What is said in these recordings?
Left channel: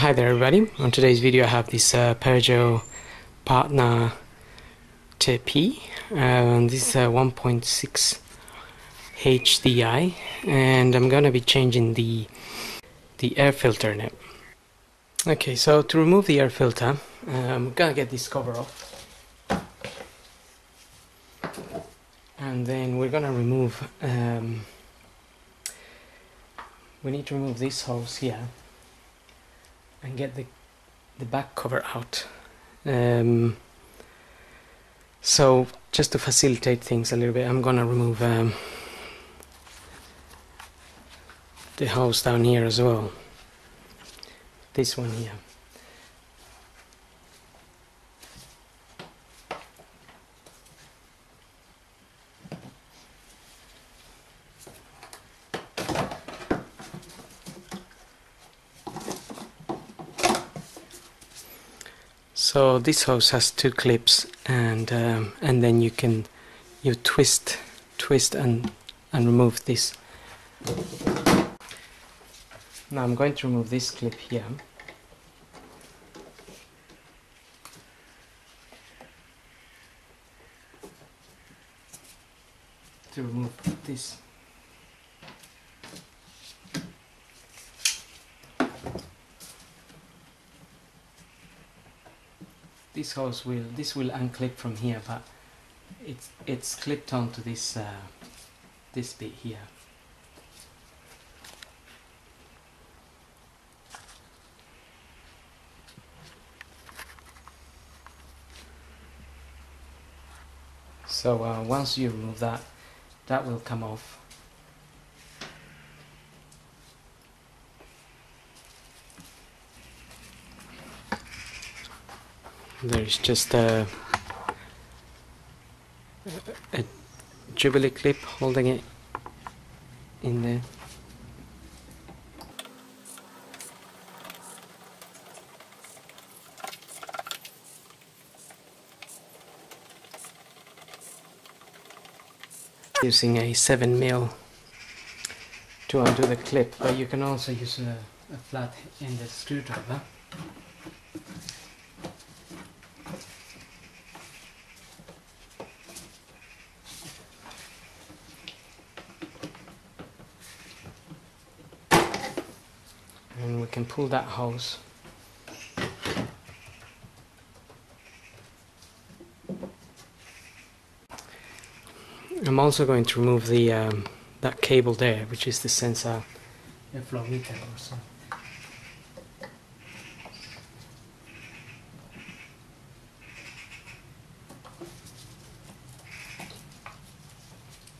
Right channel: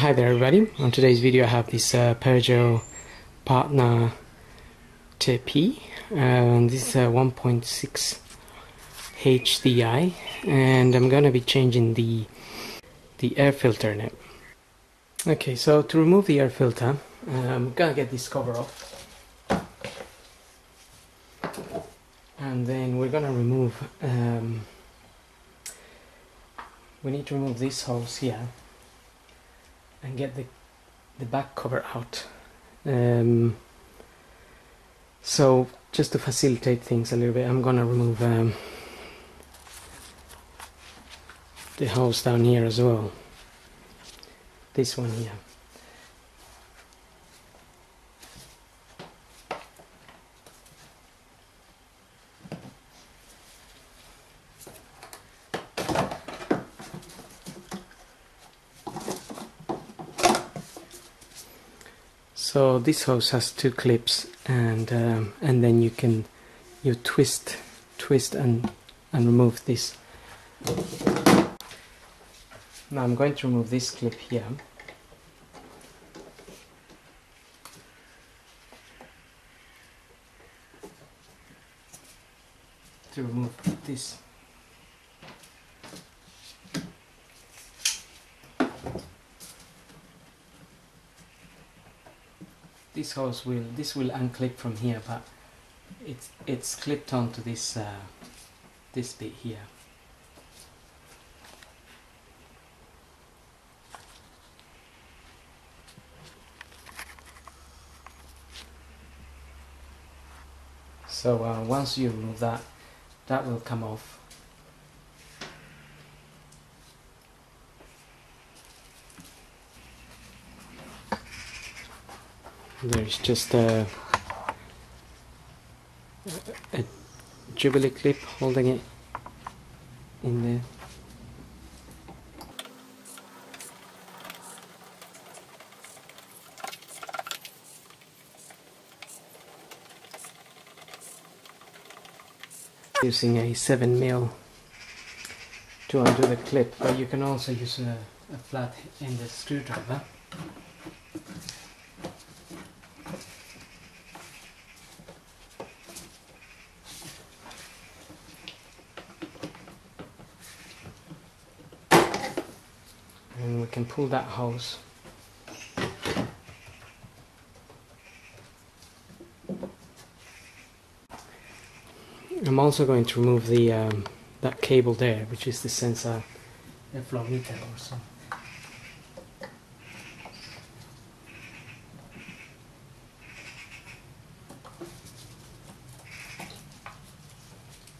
Hi there everybody, on today's video I have this Peugeot Partner Tepee, this is a 1.6 HDI, and I'm gonna be changing the air filter now. Okay, so to remove the air filter, I'm gonna get this cover off, and then we're gonna remove, we need to remove this hose here and get the back cover out. So just to facilitate things a little bit, I'm gonna remove the hose down here as well, this one here. So this hose has two clips, and then you twist and remove this. Now I'm going to remove this clip here. To remove this. This hose will unclip from here, but it's clipped onto this this bit here. So once you remove that, that will come off. There's just a Jubilee clip holding it in there. Using a 7mm to undo the clip, but you can also use a flat-ended screwdriver. And we can pull that hose. I'm also going to remove the that cable there, which is the sensor airflow meter or so.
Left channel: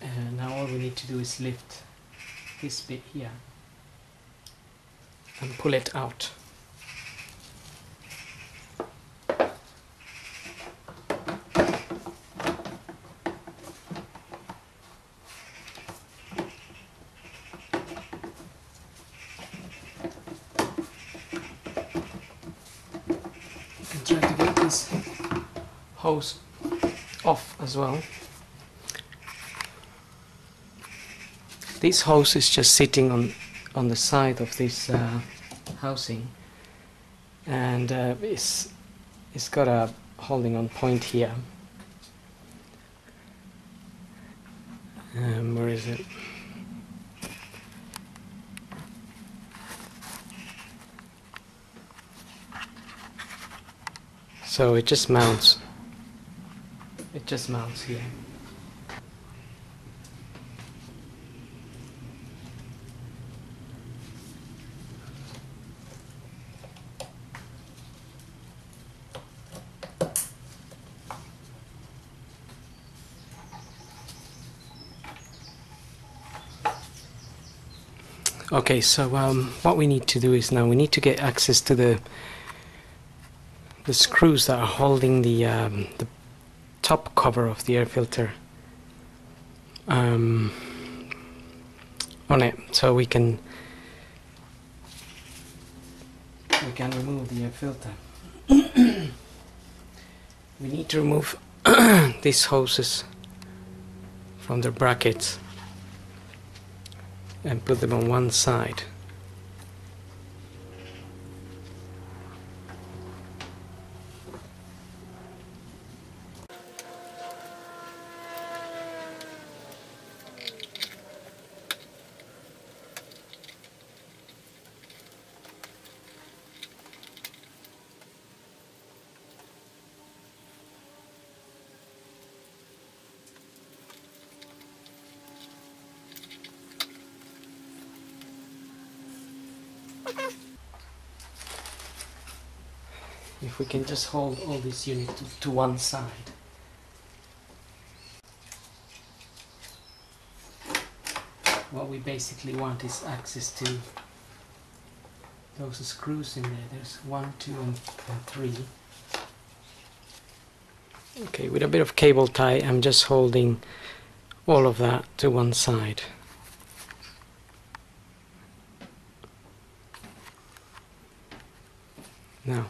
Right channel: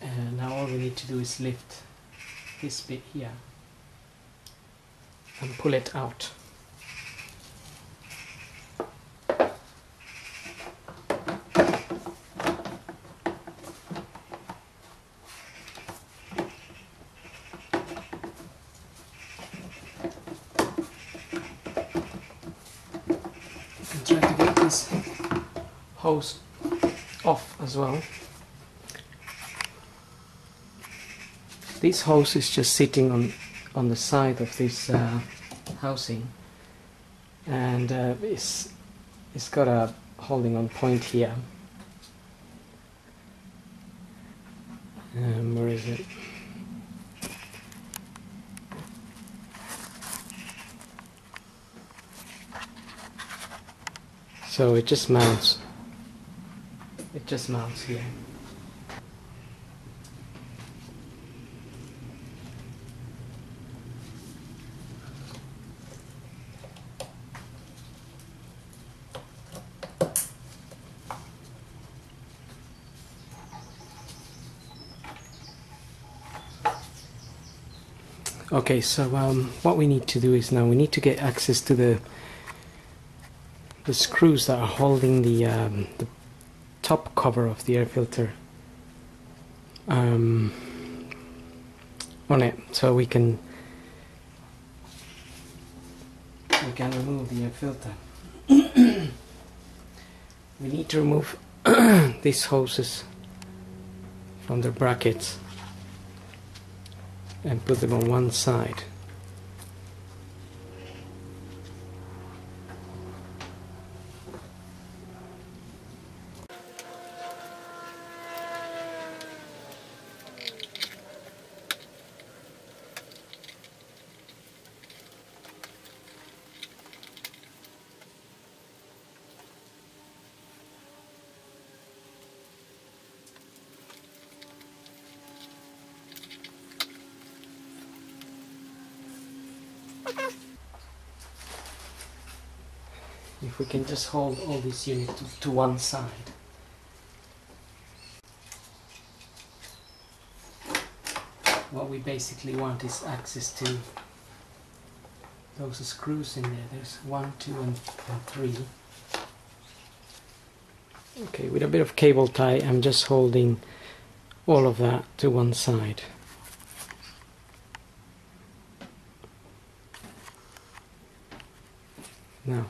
And now all we need to do is lift this bit here and pull it out. And try to get this hose off as well. This hose is just sitting on the side of this housing, and it's got a holding on point here. Where is it? So it just mounts. It just mounts here. Okay, so what we need to do is now we need to get access to the screws that are holding the top cover of the air filter on it, so we can remove the air filter. We need to remove these hoses from the brackets and put them on one side. If we can just hold all this unit to one side. What we basically want is access to those screws in there. There's 1, 2 and 3. Okay, with a bit of cable tie I'm just holding all of that to one side. Now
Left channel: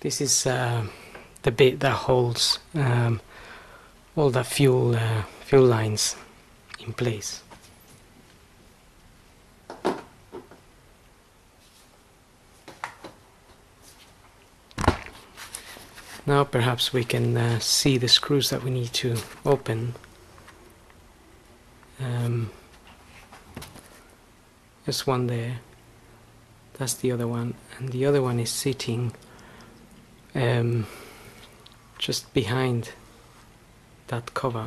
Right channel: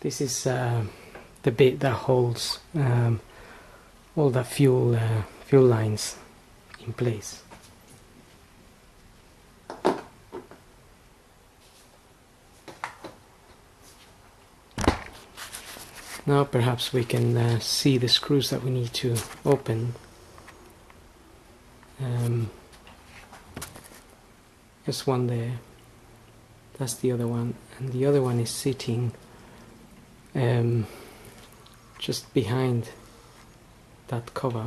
this is the bit that holds all the fuel lines in place. Now perhaps we can see the screws that we need to open. There's one there, that's the other one, and the other one is sitting just behind that cover.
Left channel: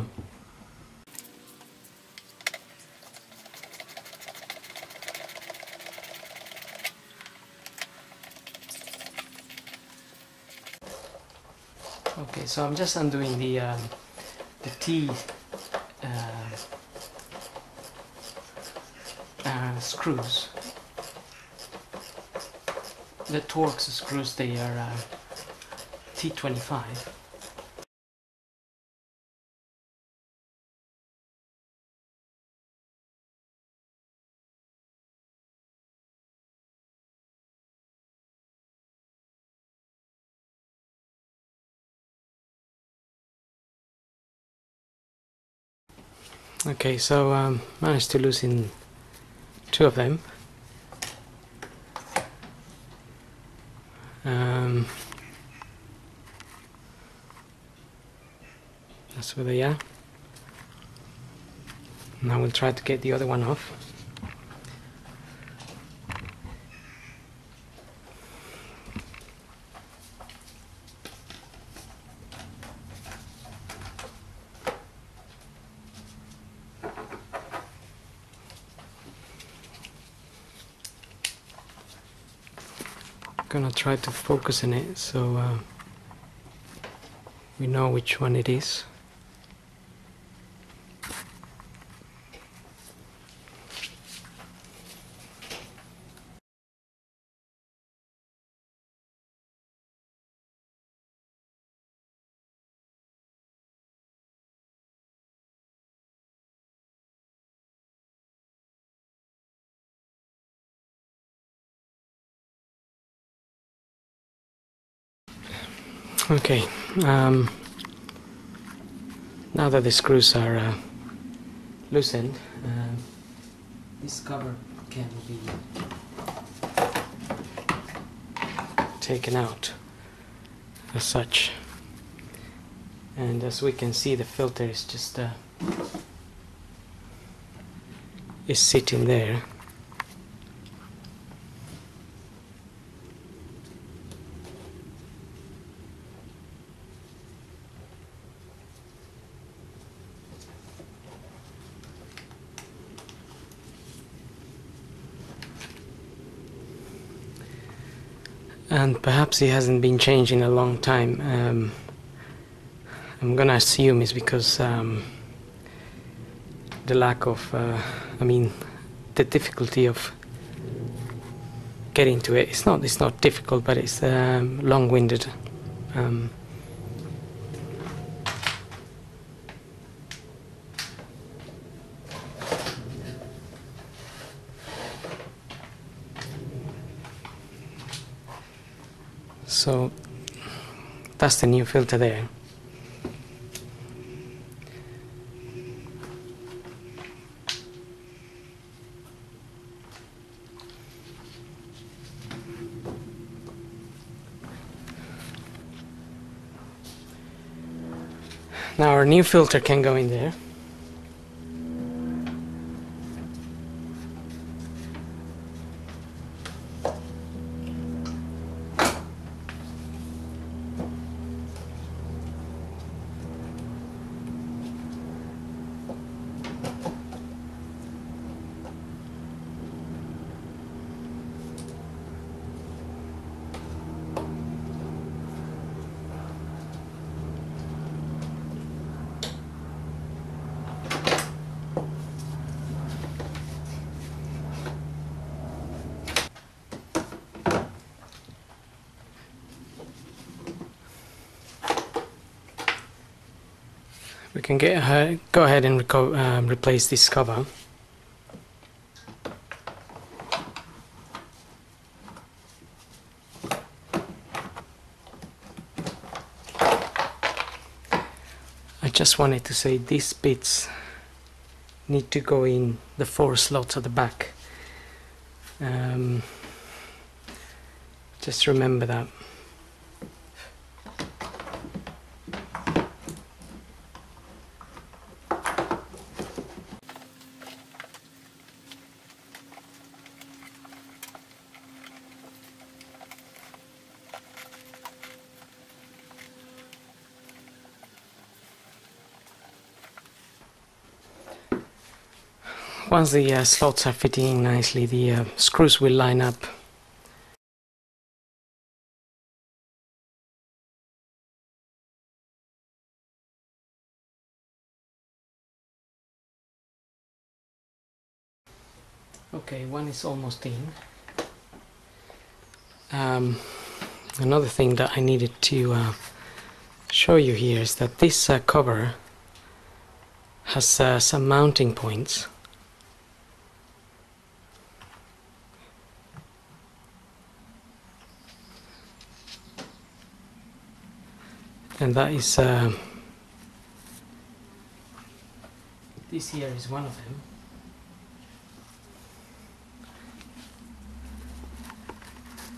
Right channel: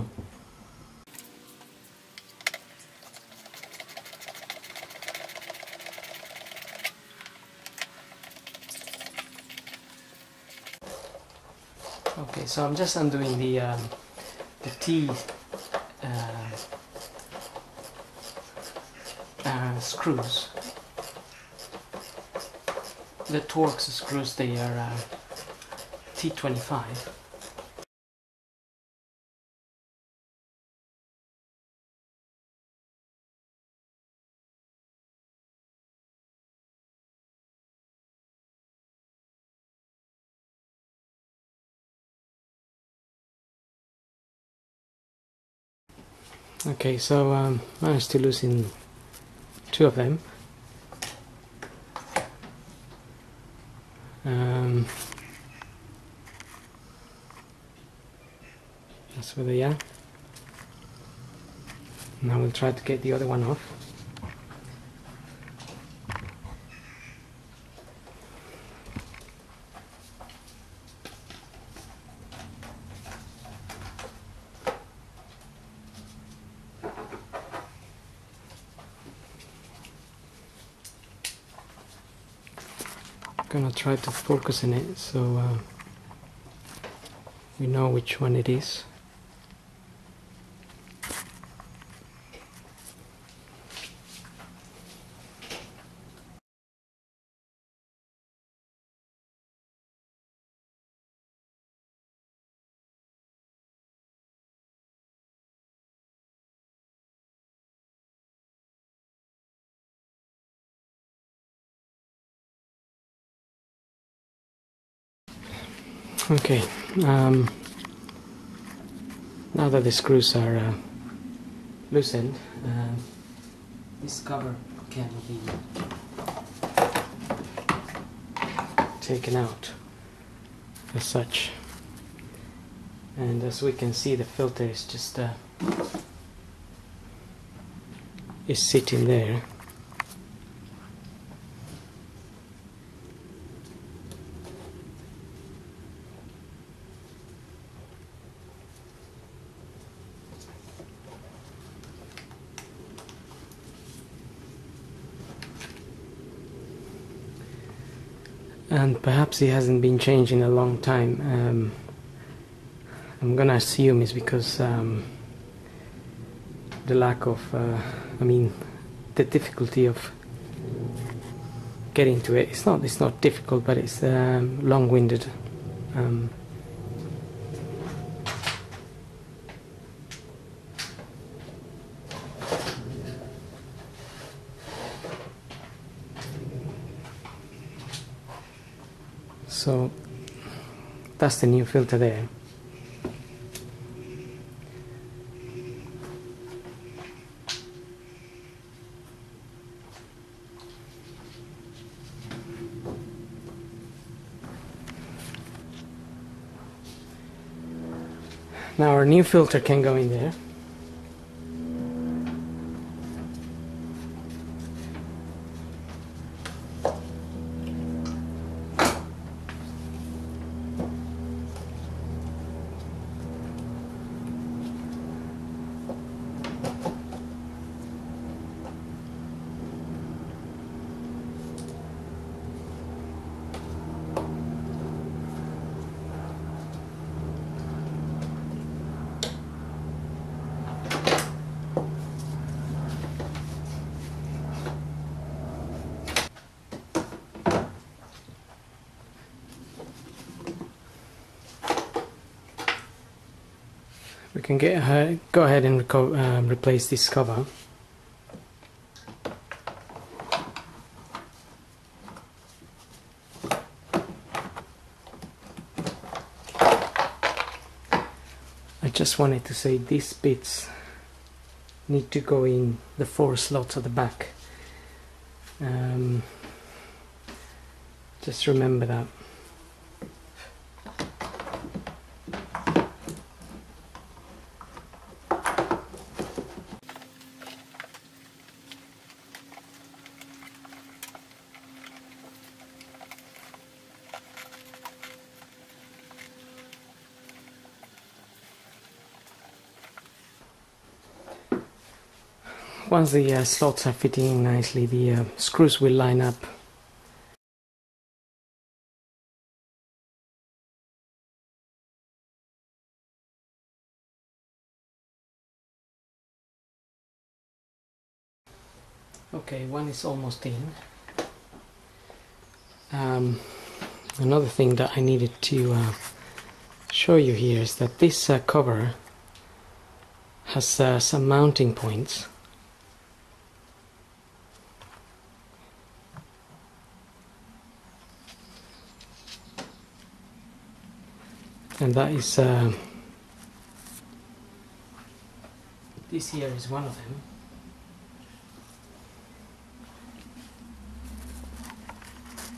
Okay, so I'm just undoing the T screws. The Torx screws, they are T25. Okay, so managed to loosen 2 of them. That's where they are. Now we'll try to get the other one off. Gonna try to focus on it so we know which one it is. Okay, now that the screws are loosened, this cover can be taken out as such, and as we can see, the filter is just is sitting there. And perhaps he hasn't been changed in a long time. I'm gonna assume it's because the lack of, the difficulty of getting to it. It's not difficult, but it's long-winded. So that's the new filter there. Now our new filter can go in there. we can go ahead and replace this cover. I just wanted to say these bits need to go in the 4 slots at the back. Just remember that. Once the slots are fitting in nicely, the screws will line up. Okay, one is almost in. Another thing that I needed to show you here is that this cover has some mounting points. And that is, this here is one of them.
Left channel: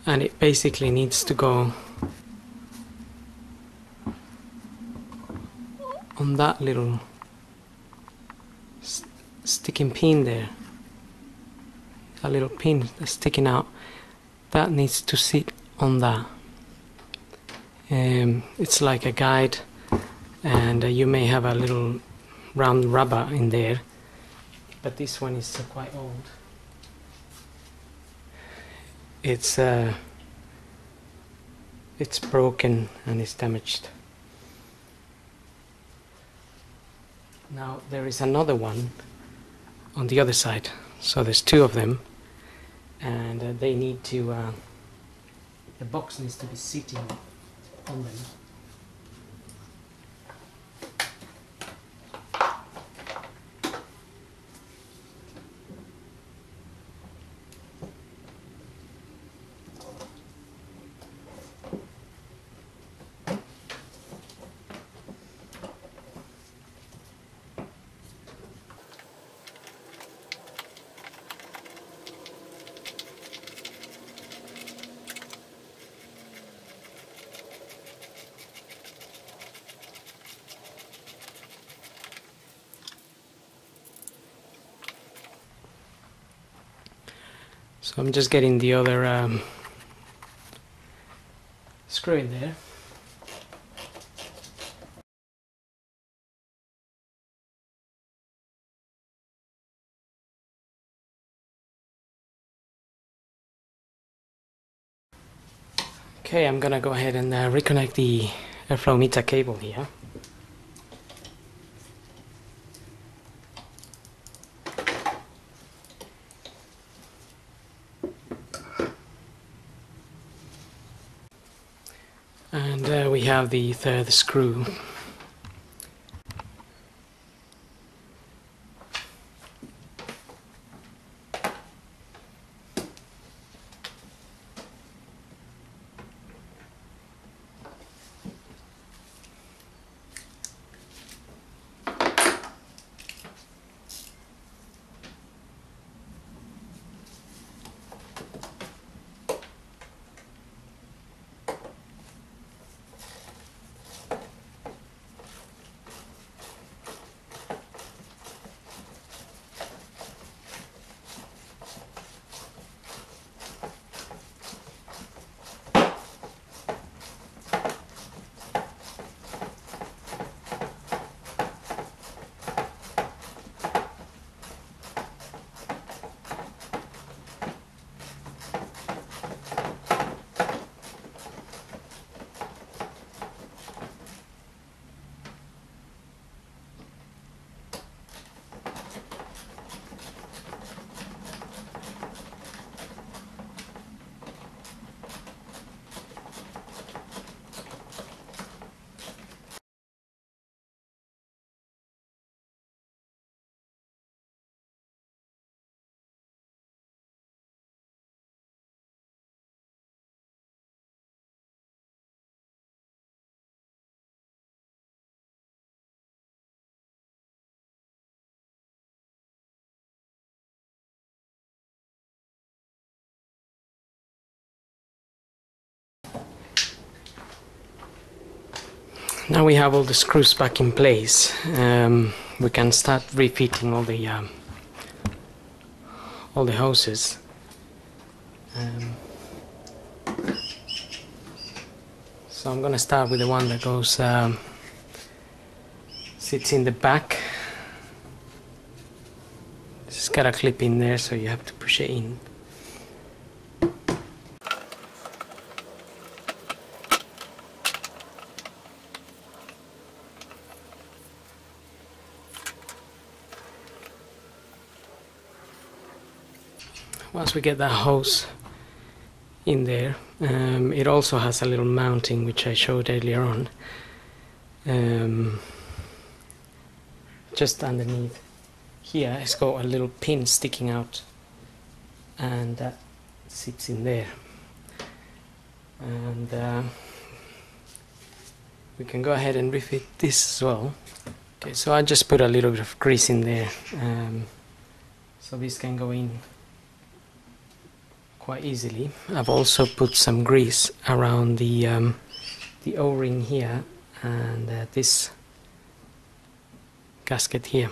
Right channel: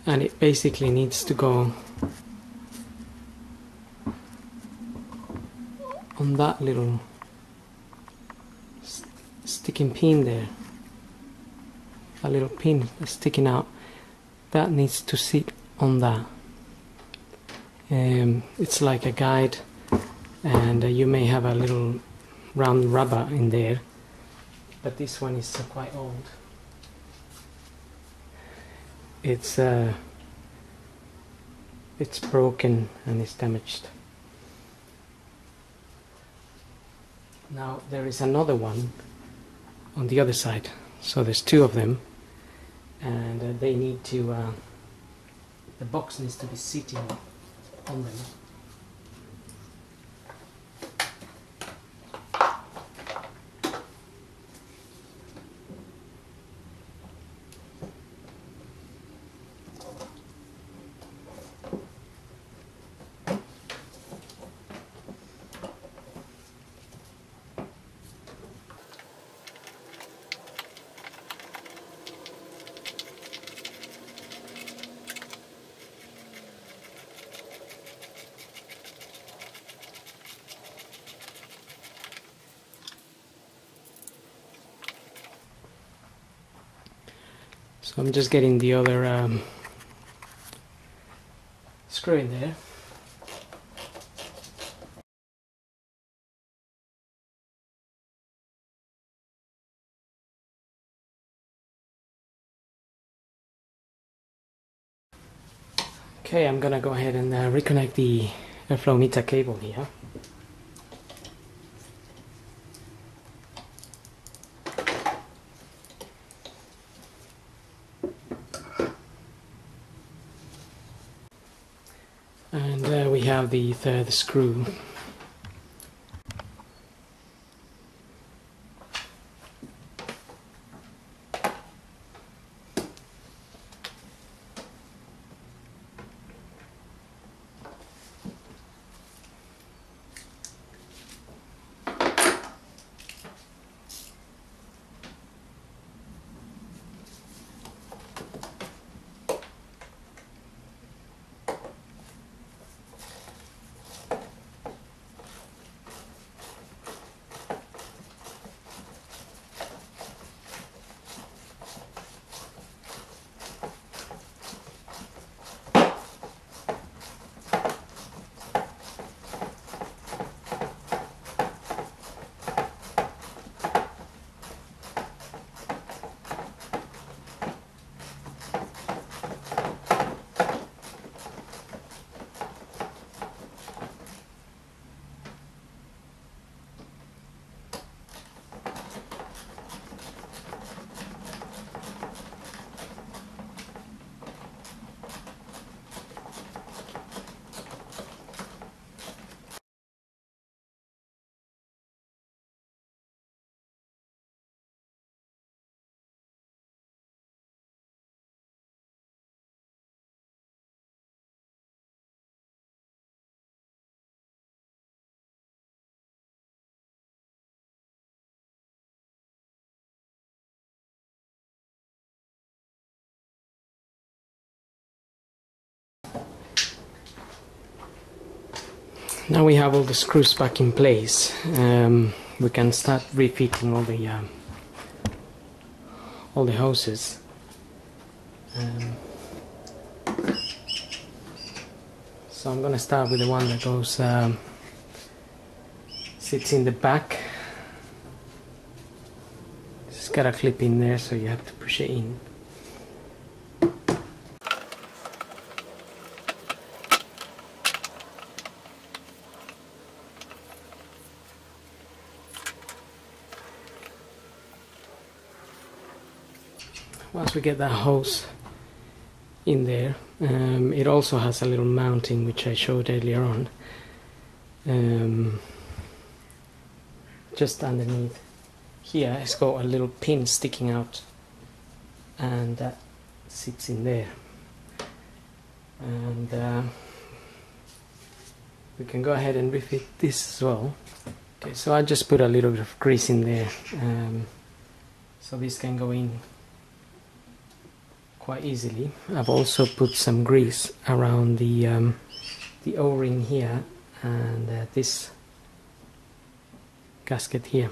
And it basically needs to go on that little sticking pin there. That little pin that's sticking out, that needs to sit on that. It's like a guide, and you may have a little round rubber in there, but this one is quite old. It's broken and it's damaged. Now there is another one on the other side, so there's 2 of them, and they need to, the box needs to be sitting on them. So I'm just getting the other screw in there. Okay, I'm gonna go ahead and reconnect the airflow meter cable here. And we have the 3rd screw. Now we have all the screws back in place. We can start refitting all the hoses. So I'm gonna start with the one that goes sits in the back. It's got a clip in there, so you have to push it in. Once we get that hose in there, it also has a little mounting which I showed earlier on, just underneath here. It's got a little pin sticking out, and that sits in there, and we can go ahead and refit this as well. Okay, so I just put a little bit of grease in there, so this can go in quite easily. I've also put some grease around the O-ring here and this gasket here.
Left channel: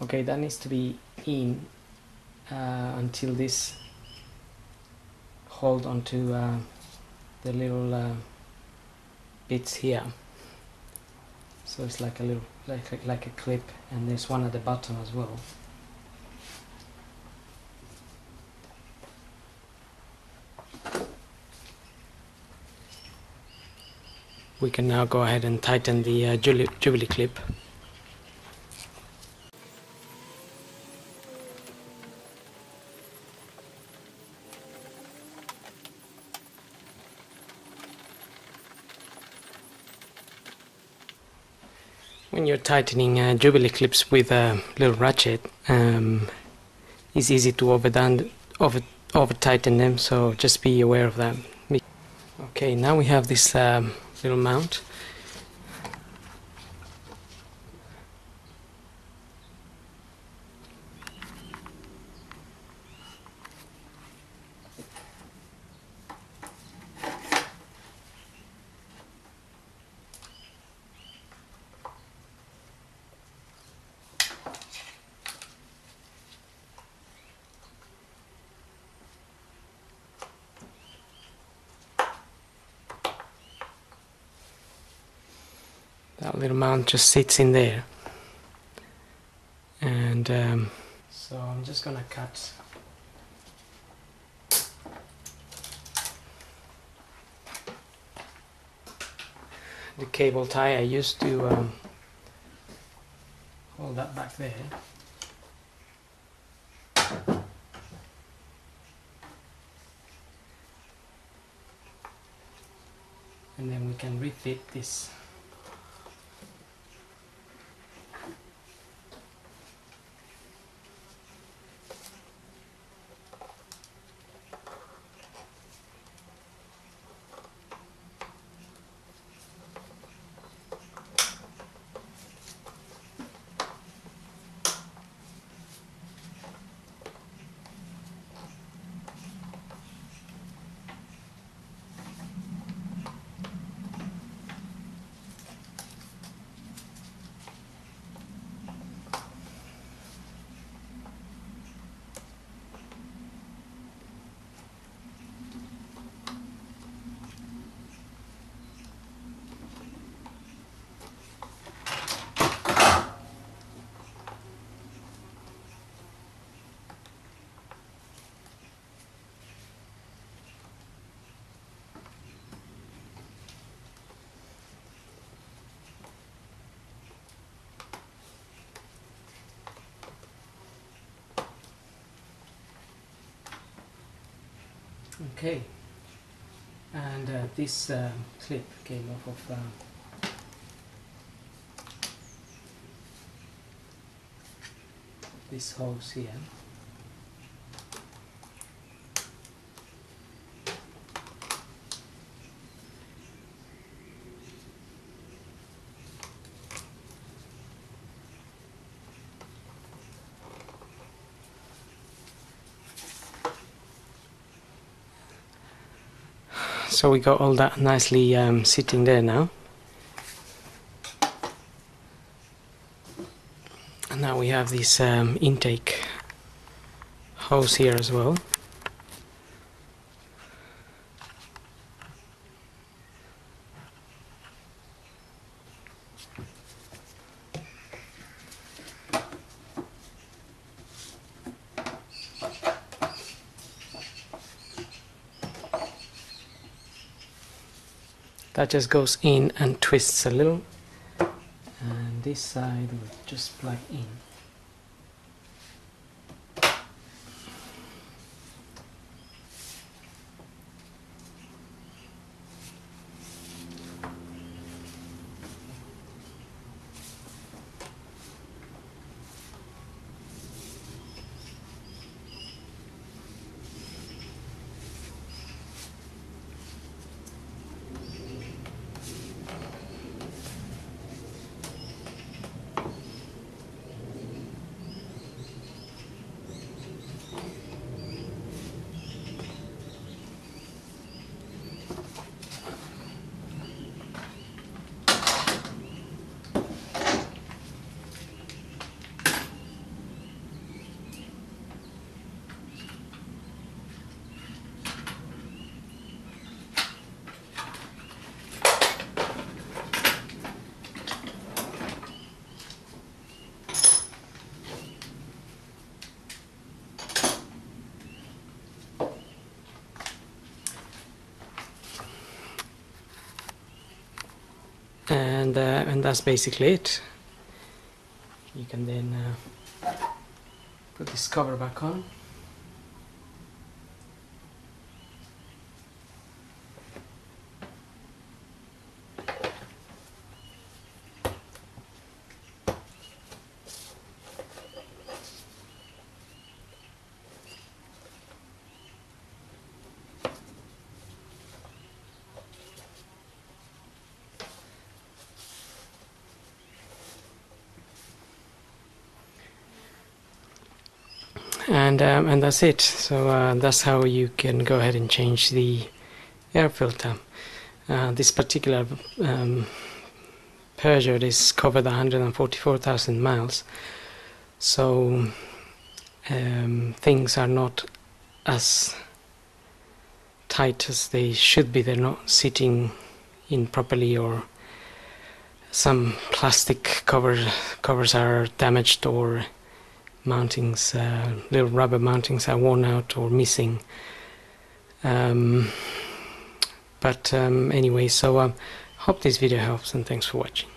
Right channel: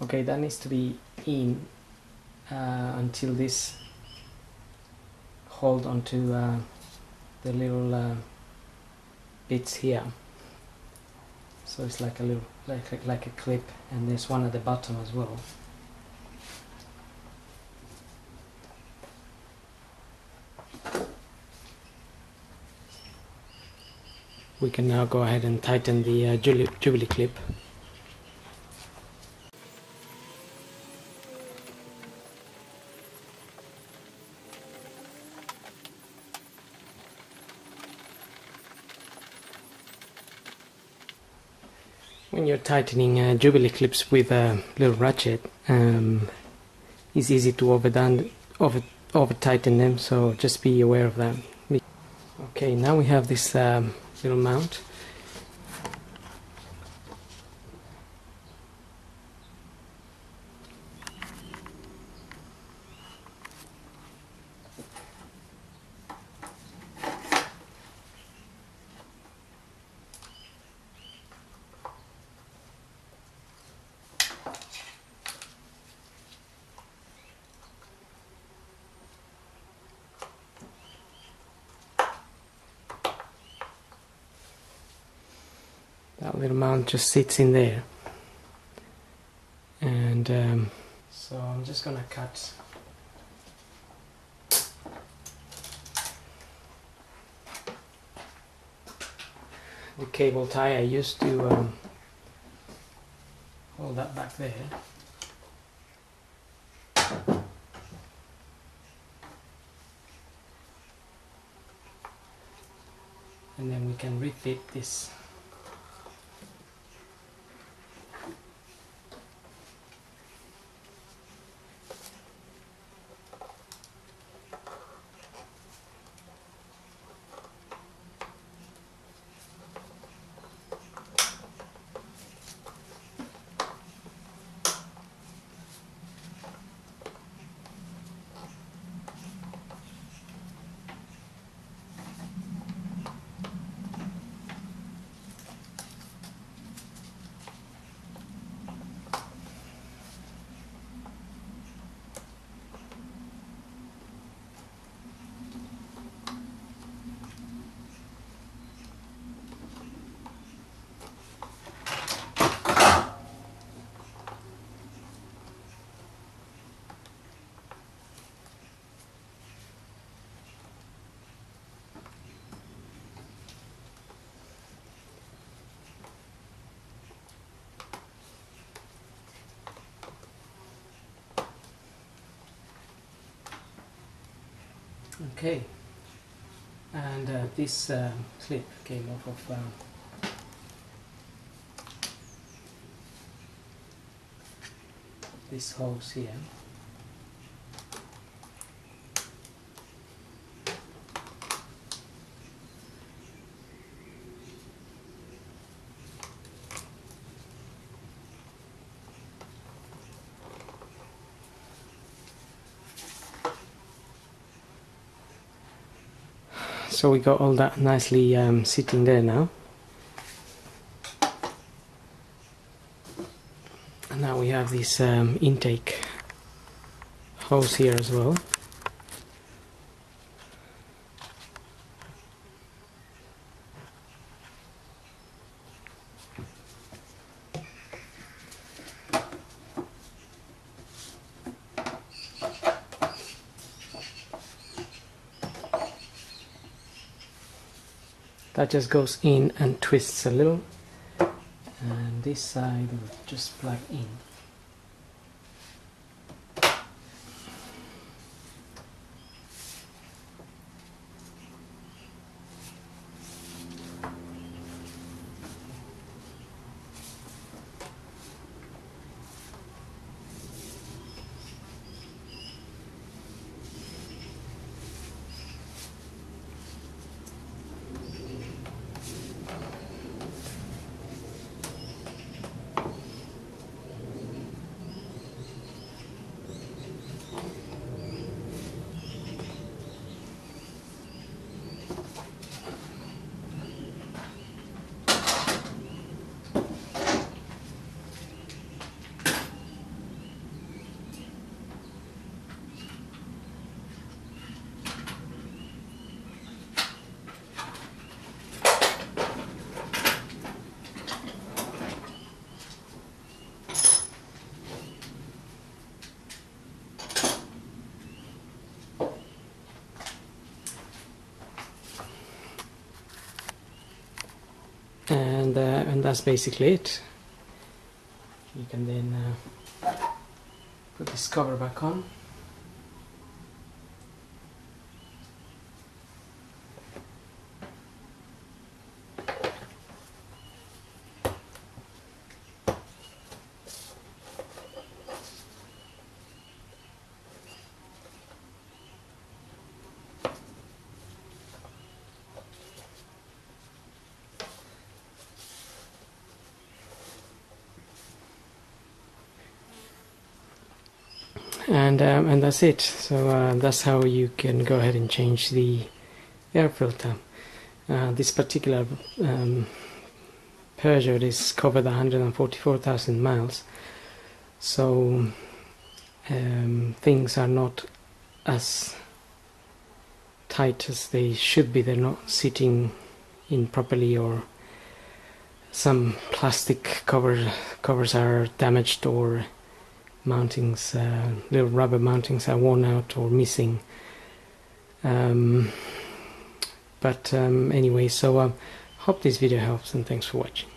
Okay, that needs to be in until this hold onto the little bits here. So it's like a little, like a clip, and there's one at the bottom as well. We can now go ahead and tighten the Jubilee clip. When you're tightening Jubilee clips with a little ratchet, it's easy to over tighten them, so just be aware of that. Okay, now we have this little mount. That little mount just sits in there, and so I'm just gonna cut the cable tie I used to hold that back there. And then we can refit this. Okay, and this clip came off of this hose here. So we got all that nicely sitting there now. And now we have this intake hose here as well. That just goes in and twists a little, and this side will just plug in. And that's basically it. You can then put this cover back on. And that's it. So that's how you can go ahead and change the air filter. This particular Peugeot is covered 144,000 miles, so things are not as tight as they should be. They're not sitting in properly, or some plastic covers are damaged, or mountings, little rubber mountings are worn out or missing. Anyway, so hope this video helps, and thanks for watching.